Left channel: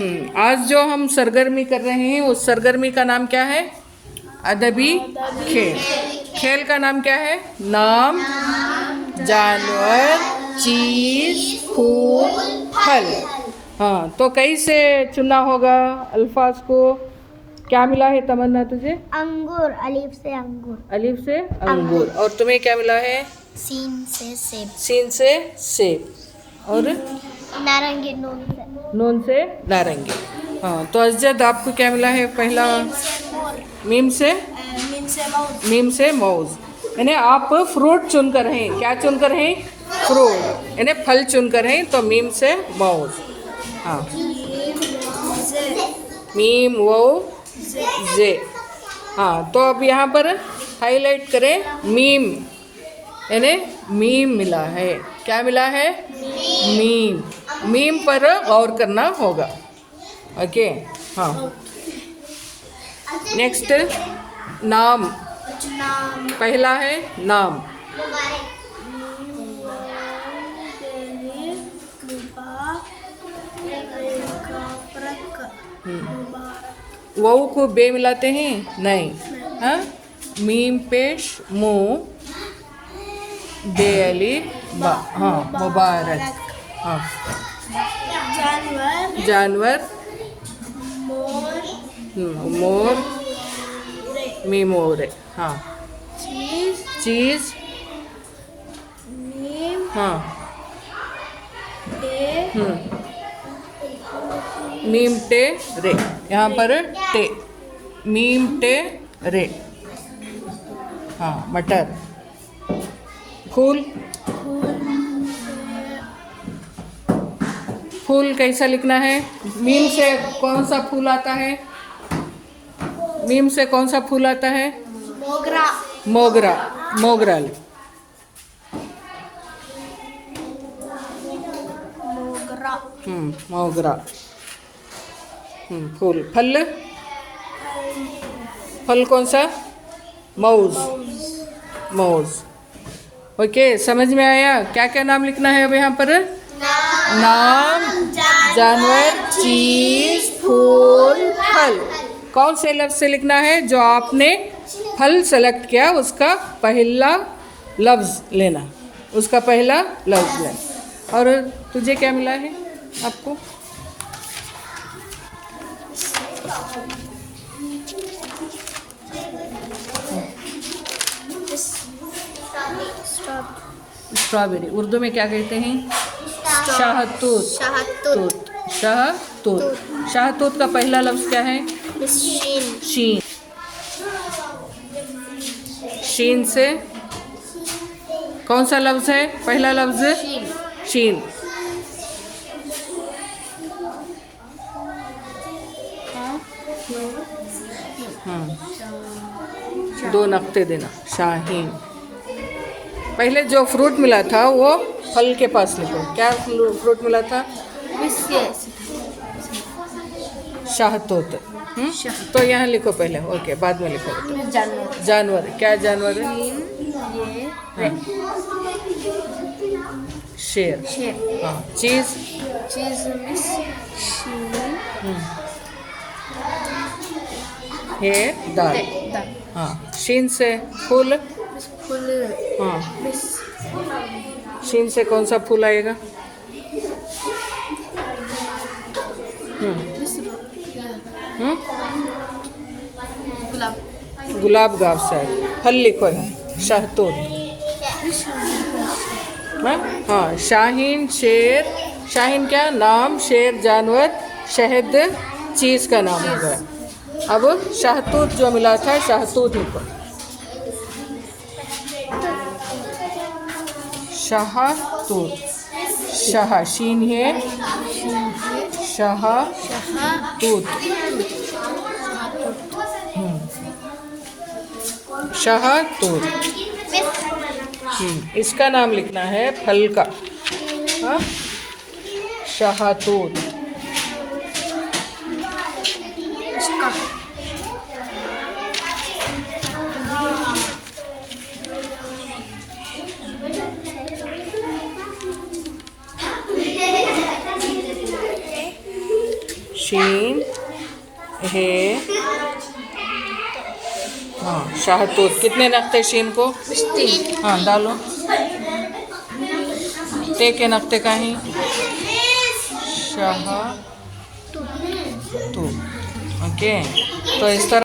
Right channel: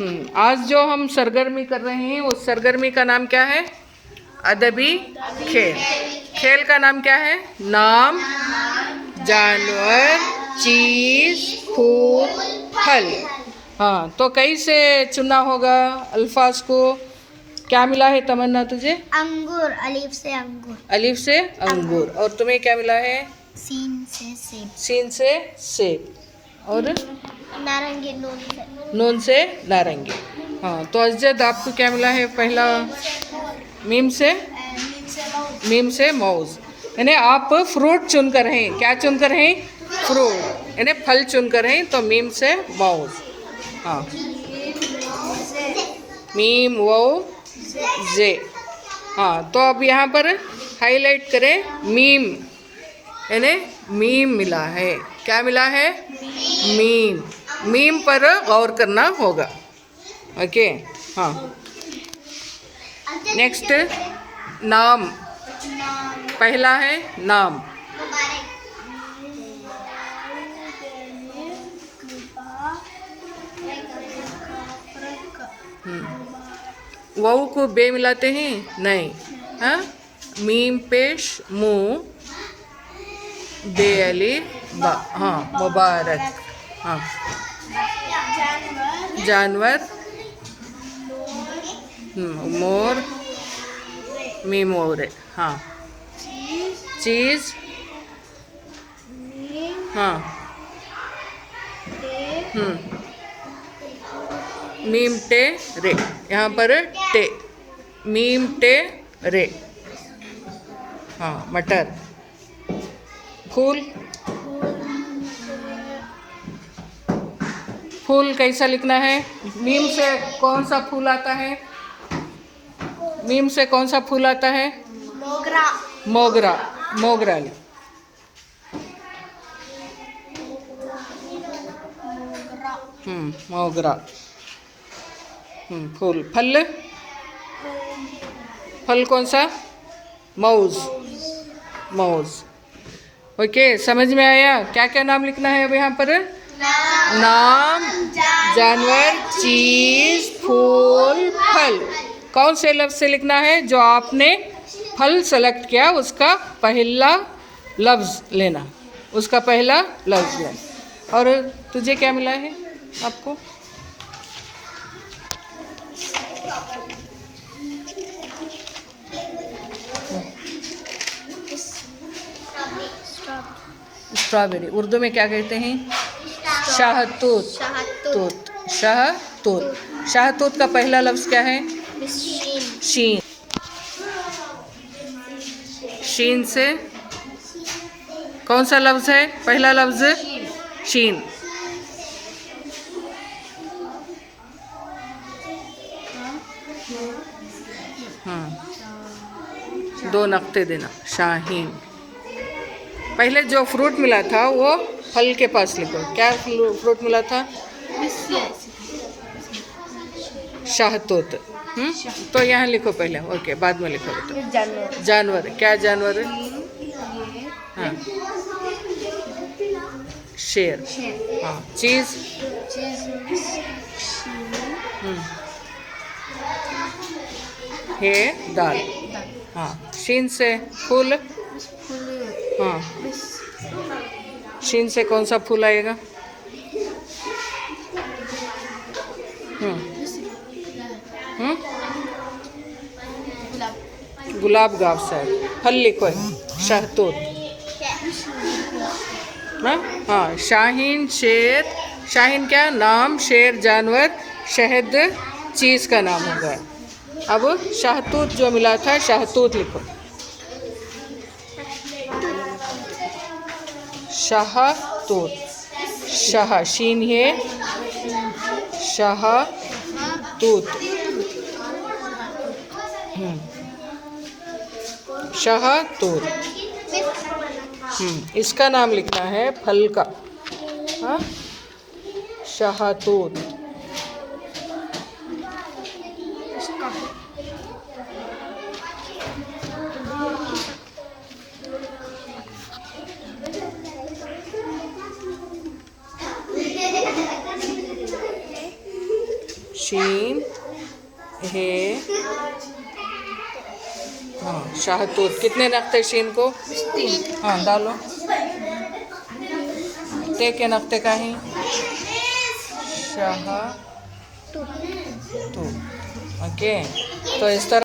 आज जो हम सरगर्मी कर रहे हैं उस सरगर्मी का नाम क्या है? अदबी खेल। खेल का नाम क्या है? नाम, जानवर, चीज, फूल, फल। हाँ, तो कैसे चुना होगा अल्फाज को? क्या मिला है तमन्ना तुझे? अंगूर, अलीफ से अंगूर। अलीफ से अंगूर। और तुम्हें क्या मिला है? सीन से सेब। सीन से सेब। और नारंगी, नून से नून से नारंगी। हाँ, तो अजद आपको क्या मिला है? पहला मीम से मौज। मीम से मौज। यानी आप फ्रूट चुनकर हैं। क्या चुनकर हैं? फ्रूट, यानी फल चुनकर हैं, तो मीम से मौज। हाँ, मीम वो जे। हाँ, तो अब यहाँ पर हाईलाइट करें मीम, यानी मीम मिला है। क्या मिला है? मीम। मीम पर गौर करना होगा। ओके। हाँ, नेक्स्ट नाम। पहला है नाम। वाऊ को बे मिलाते हैं? नहीं। हाँ, मीम पेश मुंह, बे अली बा। हाँ, मुबारक। हाँ, जानवर, मोर, मीम मोरे। हाँ, चीज। हाँ, मीम टे रे। यहाँ पर टे, मीम टे रे। हाँ, मटर। फूल। फूल कैसा लिखना है? मीम से कौन सा फूल आता है? मीम से कौन सा फूल आता है? मोगरा। मोगरा। मोगरा। मोगरा। फूल। फल। फल कौन सा? मौज। मौज। ओके, समझ में आया? क्या क्या नाम लिखना है अब यहाँ पर? नाम, जानवर, चीज, फूल, फल। कौन से लफ्ज से लिखना है? जो आपने फल सेलेक्ट किया उसका पहला लफ्ज लेना, उसका पहला लफ्ज लेना। और तुझे क्या मिला है आपको? स्ट्रॉबेरी। उर्दू में क्या कहते हैं? शाहतूत। शाहतूत। शाहतूत का पहला लफ्ज क्या है? शीन। शीन से कौन सा लफ्ज है? पहला लफ्ज शीन। दो नक्ते देना। शाहीन। पहले जो फ्रूट मिला था वो फल के पास लिखो। क्या फ्रूट मिला था? शाहतूत। तो यहाँ लिखो पहले। ओके, बाद में लिखो। जानवर। क्या जानवर है? शेर। हाँ, चीज। है दाल। हाँ, शीन से फूल। हाँ, शीन से कौन सा फूल आएगा? गुलाब गाव से। फल लिखो। शहतूत। हाँ, शाहीन, शेर। शाहीन क्या? नाम, शेर जानवर, शहद चीज का नाम होगा। अब शाहतूत जो मिला था, शाहतूत लिखो। शाहतूत। शाह, शीन है, शाहतूत। शाहतूत। इसका नाम लिखना है फल का। हाँ, शाहतूत। शीन हे हाँ शाहतूत कितने नक्ते शीन को हाँ डालो ते के नक्ते काही शाह तू ओके तो इस तरह